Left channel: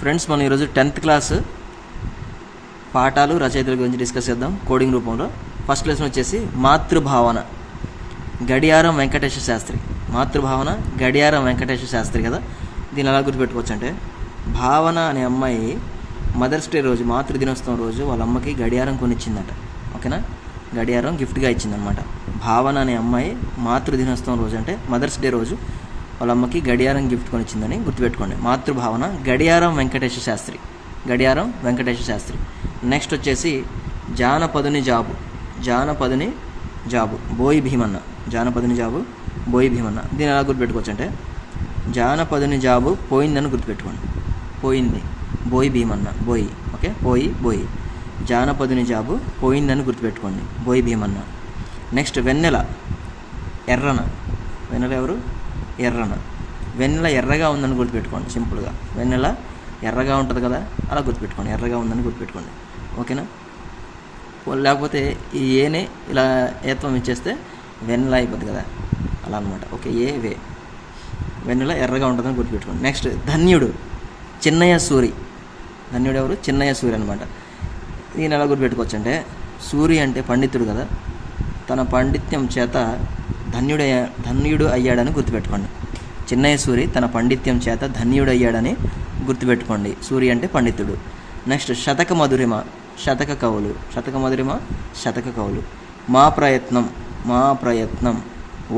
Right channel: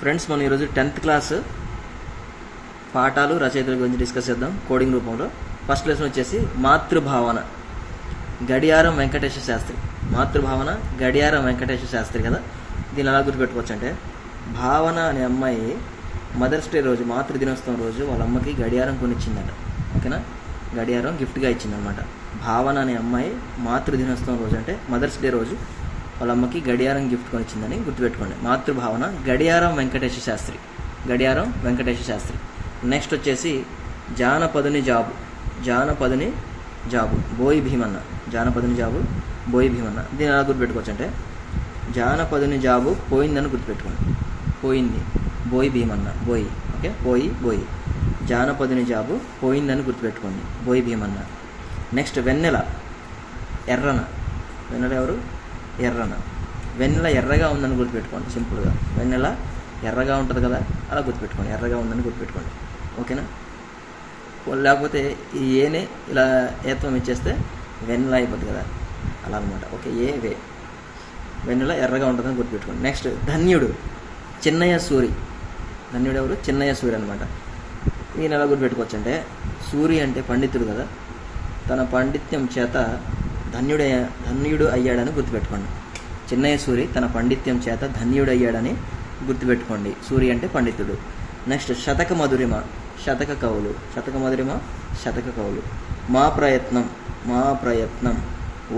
Friends, మనం ఈరోజు 10th class పాఠాలు రచయితల గురించి డిస్కస్ చేద్దాం కోడింగ్ రూపంలో. ఫస్ట్ లెసన్ వచ్చేసి మాతృభావన, గడియారం వెంకటేశ్వర శాస్త్రి. మాతృభావన గడియారం వెంకటేశ్వర శాస్త్రి కదా. దీన్ని ఎలా గుర్తుపెట్టుకోవచ్చు అంటే, భావన అనే అమ్మాయి మదర్స్ డే రోజు, మాతృదినోత్సవం రోజు వాళ్ళ అమ్మకి గడియారం కొనిచ్చిందట. ఓకేనా, గడియారం గిఫ్ట్గా ఇచ్చిందనమాట. భావన అనే అమ్మాయి మాతృదినోత్సవం రోజు అంటే మదర్స్ డే రోజు వాళ్ళ అమ్మకి గడియారం గిఫ్ట్ కొనిచ్చిందని గుర్తుపెట్టుకోండి. మాతృభావన గడియారం వెంకటేశ్వర శాస్త్రి, గడియారం వెంకటేశ్వర శాస్త్రి. నెక్స్ట్ వచ్చేసి జానపదుని జాబు, జానపదుని జాబు బోయి భీమన్న, జానపదుని జాబు బోయి భీమన్న. దీన్ని ఎలా గుర్తుపెట్టుకోవచ్చు అంటే, జానపదుని జాబు పోయిందని గుర్తుపెట్టుకోండి. పోయింది బోయి భీమన్న, బోయి. ఓకే, బోయి. జానపదుని జాబు పోయిందని గుర్తుపెట్టుకోండి, బోయి భీమన్న. నెక్స్ట్ వెన్నెల ఎర్రన, వెన్నెల ఎవరు? ఎర్రన. వెన్నెల ఎర్రగా ఉందని గుర్తుపెట్టుకోండి. సింపుల్గా వెన్నెల ఎర్రగా ఉంటుంది కదా, అలా గుర్తుపెట్టుకోండి, ఎర్రగా ఉందని గుర్తుపెట్టుకోండి. ఓకేనా, లేకపోతే ఈ ఏనే ఇలా ఏత్వం ఇచ్చేస్తే వెన్నెల అయిపోద్ది కదా, అలా అనమాట. ఓకే, వే వెన్నెల ఎర్రగా ఉంటుందని గుర్తుపెట్టుకోండి. నెక్స్ట్ ధన్యుడు చిన్నయ్య సూరి. ధన్యుడు ఎవరు? చిన్నయ్య సూరి అనమాట. దీన్ని ఎలా గుర్తుపెట్టుకోవచ్చు అంటే, సూరి అంటే పండితుడు కదా, తన పాండిత్యం చేత ధన్యుడు అయ్యాడని గుర్తుపెట్టుకోండి. చిన్నయ్య సూరి తన పాండిత్యం చేత ధన్యుడు అయ్యాడని గుర్తుపెట్టుకోండి. సూరి అంటే పండితుడు. నెక్స్ట్ శతక మధురిమ, శతక కవులు. శతక మధురిమ, శతక కవులు. మా ప్రయత్నం,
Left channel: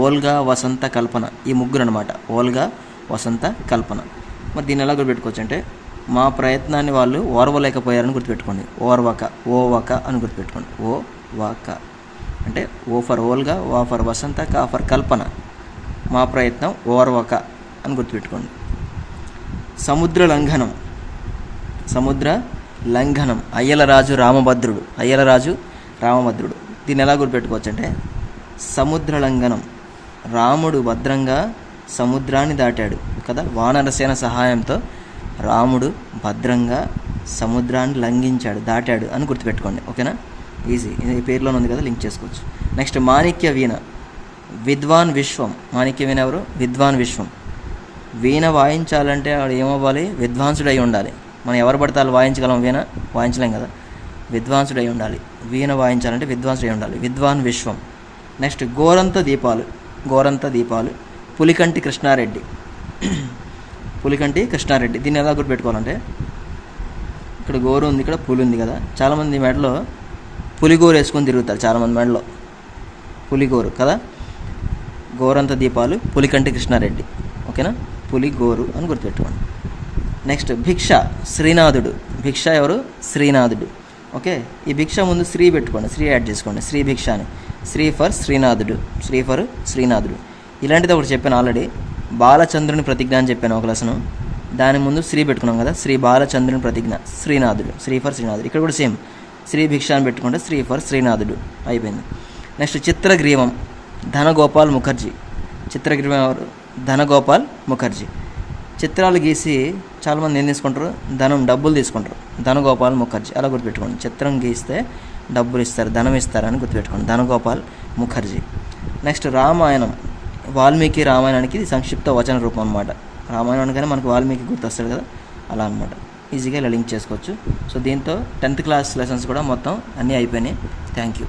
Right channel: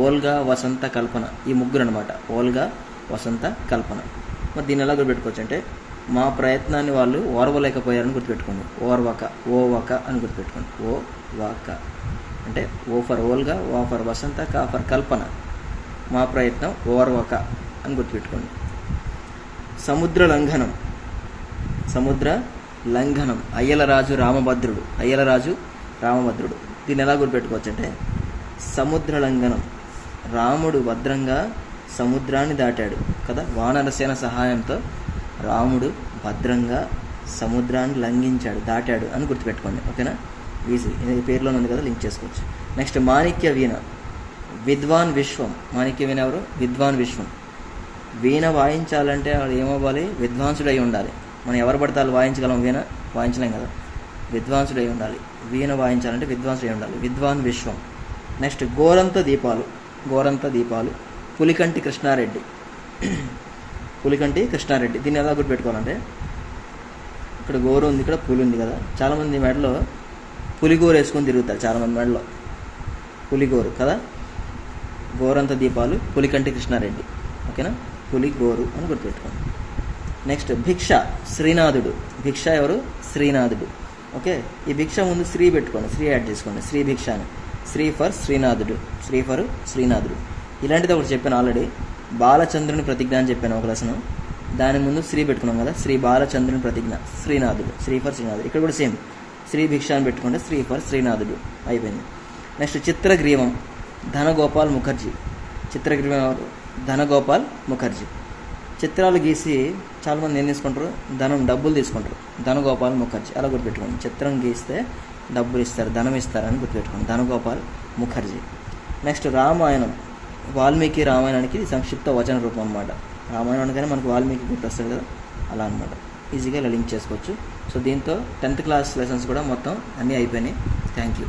ఓల్గా, వసంత, కల్పన. ఈ ముగ్గురు అనమాట, ఓల్గా, వసంత, కల్పన. మరి దీన్ని ఎలా గుర్తుపెట్టుకోవచ్చు అంటే, మా ప్రయత్నాన్ని వాళ్ళు ఓర్వలేకపోయారని గుర్తుపెట్టుకోండి. ఓవక అని గుర్తుపెట్టుకోండి. ఓవక అంటే ఓ ఫర్ ఓల్గా, వా ఫర్ వసంత, కా ఫర్ కల్పన. మా ప్రయత్నం ఓర్వక అని గుర్తుపెట్టుకోండి. సముద్ర లంఘనం అయ్యలరాజు రామభద్రుడు. దీన్ని ఎలా గుర్తుపెట్టుకోవచ్చు అంటే, సముద్ర లంఘనం, రాముడు భద్రంగా సముద్రాన్ని దాటాడు కదా, వానరసేన సహాయంతో రాముడు భద్రంగా సముద్రాన్ని దాటాడు అని గుర్తుపెట్టుకోండి. ఓకేనా, ఈజీ. ఇది పేరులోనే ఉంది కదా, లింక్ చేసుకోవచ్చు. నెక్స్ట్ మాణిక్య వీణ, విద్వాన్ విశ్వం. మాణిక్య వీణ ఎవరు? విద్వాన్ విశ్వం. వీణ వాయించాలంటే వాడు ఏమవ్వాలి? విద్వాంసుడై ఉండాలి. మనం ఎవరు పడితే వాళ్ళు వాయించగలం, వీణ వాయించలేం కదా, విద్వాంసుడై ఉండాలి. వీణ వాయించాలంటే విద్వాంసుడై ఉండాలి, విద్వాన్ విశ్వం. నెక్స్ట్ గోరంత దీపాలు, పులికంటి కృష్ణారెడ్డి. దీన్ని ఎలా గుర్తుపెట్టుకోవాలంటే, ఇక్కడ గోరు ఉంది, ఇక్కడ పులి ఉంది కదా, చాలామంది మెడలో పులిగోరు వేసుకొని తిరుగుతారు, చాలామంది మెడలో పులిగోరు కదా. గోరంత దీపాలు, పులికంటి కృష్ణారెడ్డి. ఓకేనా, పులిగోరు అని గుర్తుపెట్టుకోండి. నెక్స్ట్ భిక్ష, శ్రీనాథుడు. భిక్ష ఎవరు? శ్రీనాథుడు. ఓకే, ఈ భిక్ష ముందు శ్రీ పెట్టుకోండి, శ్రీ యాడ్ చేసుకోండి, శ్రీ భిక్ష అని. శ్రీ ఫర్ శ్రీనాథుడు. ఇలాంటిది ఒకటి చెప్పాను ఆల్రెడీ, బాలచంద్రుని ప్రతిజ్ఞ అని చెప్పాను ఒక లెసను. దాని ముందు శ్రీ పెట్టుకున్నాం కదా, శ్రీ బాలచంద్రుని ప్రతిజ్ఞ, శ్రీనాథుడు. శ్రీ ఫర్ శ్రీనాథుడు. ఇక్కడ కూడా సేమ్, శ్రీ భిక్ష అని పెట్టుకుంటే శ్రీ ఫర్ శ్రీనాథుడు అయిపోయింది. నెక్స్ట్ చిత్రగ్రీవం, ధనగోపాల్ ముఖర్జీ. చిత్రగ్రీవం ఎవరు? ధనగోపాల్ ముఖర్జీ. చిత్రాలు గీసి చాలామంది ఏం తీసుకుంటారు? డబ్బులు తీసుకుంటారు. ధనగోపాల్ ముఖర్జీ అలా గుర్తుపెట్టుకోండి. చిత్రం గీస్తే డబ్బులు ఇస్తారు, ధనం ఇస్తారని గుర్తుపెట్టుకోండి, ధనగోపాల్ ముఖర్జీ. నెక్స్ట్ రామాయణం, వాల్మీకి రామాయణానికి ఇది సంక్షిప్త వచన రూపం అన్నమాట. రామాయణం కానీ మనకు వాల్మీకి గుర్తొస్తాడు కదా, అలా అనమాట. ఈజీగా ఇలా లింక్ చేసుకోవచ్చు. సో దీంతో 10th క్లాస్ లెసన్స్ కూడా మొత్తం అన్నీ అయిపోయినాయి. Thank you.